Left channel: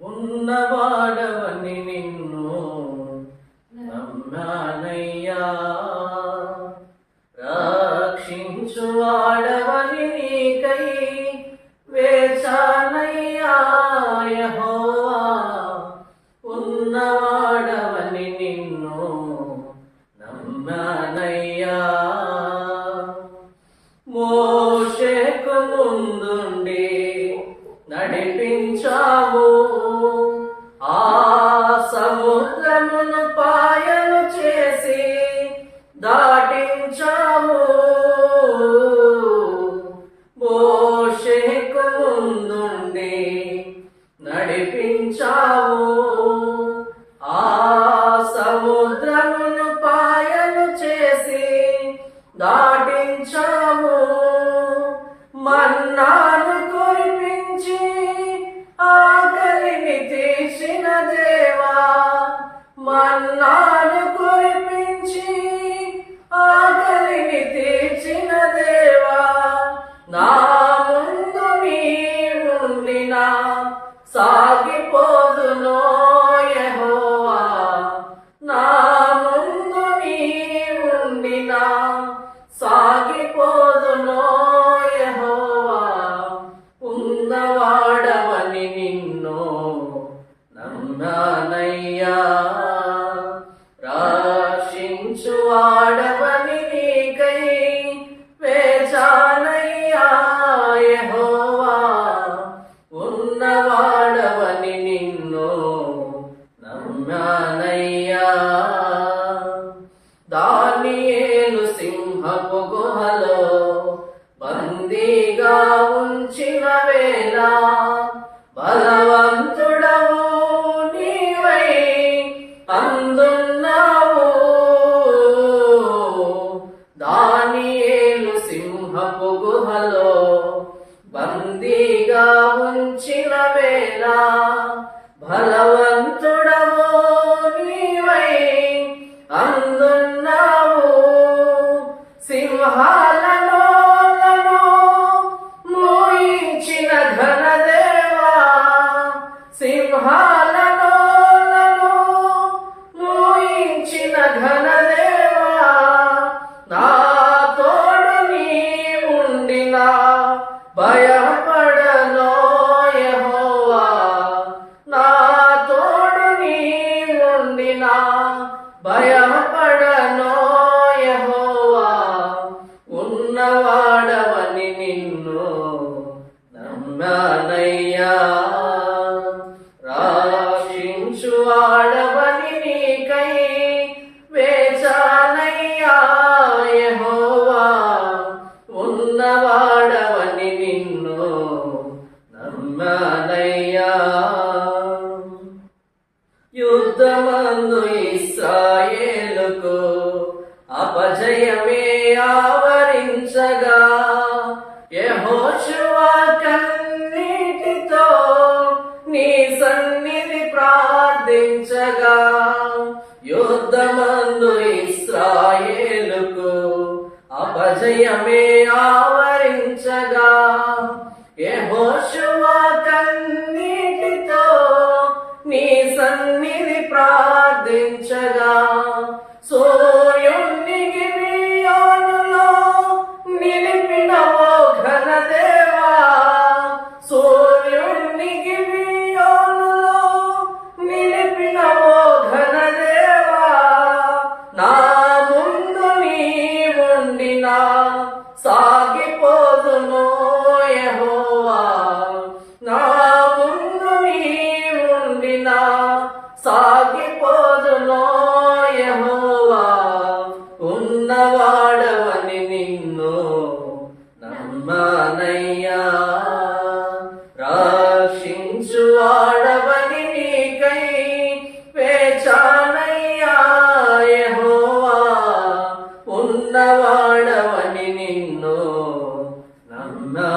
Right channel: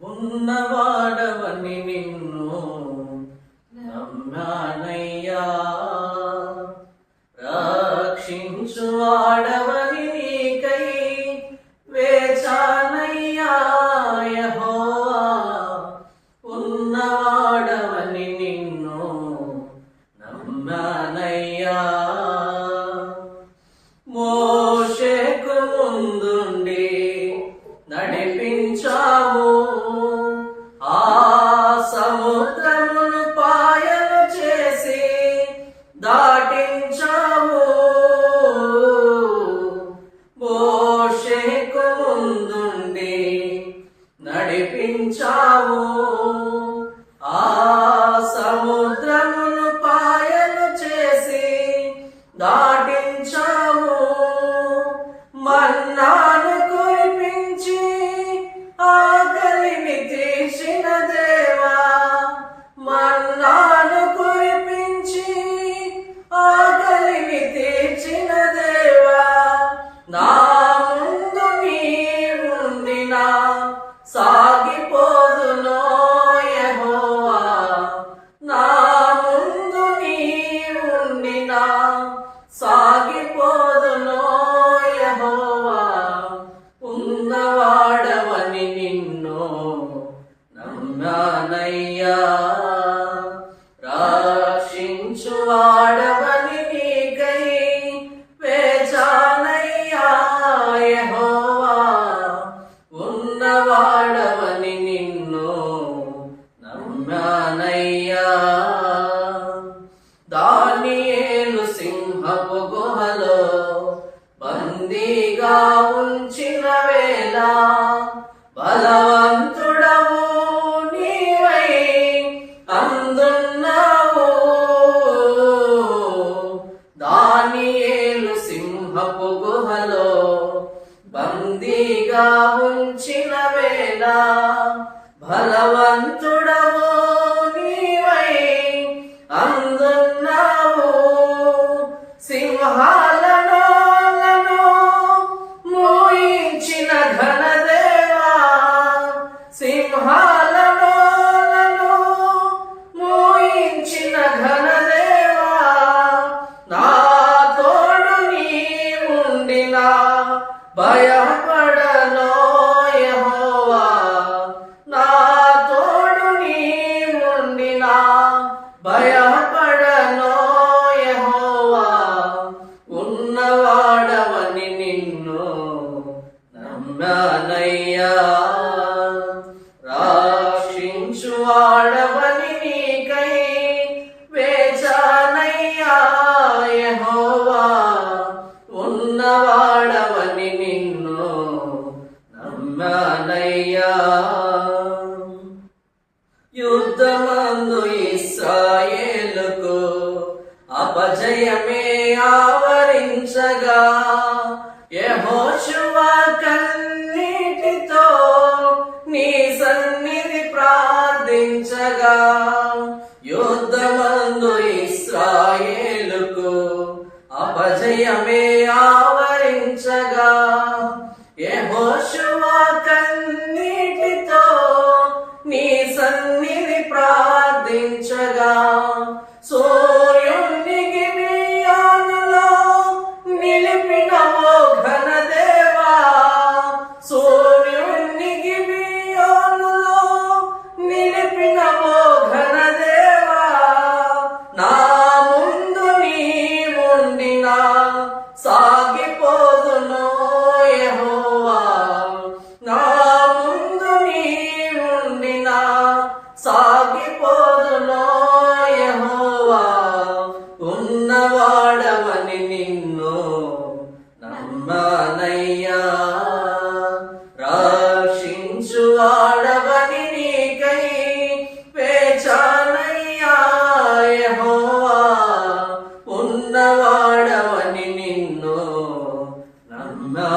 ఉన్నవాడవని నిన్ను నమ్మానయ్య. సముద్రమును పాయలు చేసి దాటించావు. మోషేకు ముందుండి నడిపించావు. ఆ సముద్రమును పాయలు చేసి దాటించావు. మన్నాను కురిపించి ఆకలిని తీసినదే దేవా మన్నాను చూచువాడవని నీకై వేచానయ్యాహోవా ఉన్నవాడవని నిన్ను నమ్మానయ్యా. దానియేలు సింహపు గుహలో బందీగా ఉంచిన వేళ బలవంతుడవు నీవై. అందున్నావు బందీగా ఉంచిన వేళ బలవంతుడవో నీవై అందున్నావు. సింహాలను మోయించిన ఘనదేవా. సింహాలను మోయించిన ఘనదేవా. నా తోడు నీ ఉండినా భయ భయపడనో యెహోవా ఉన్నవాడవని నిన్ను నమ్మానయ్యా. యుద్ధమందు ఇస్రాయేలుకు అపజయమే ఆవరించగా. యెహోషువ ఇంచు ఆడవని నీకై పేచానయ్యాహోవా ఉన్నవాడవని నిన్ను నమ్మా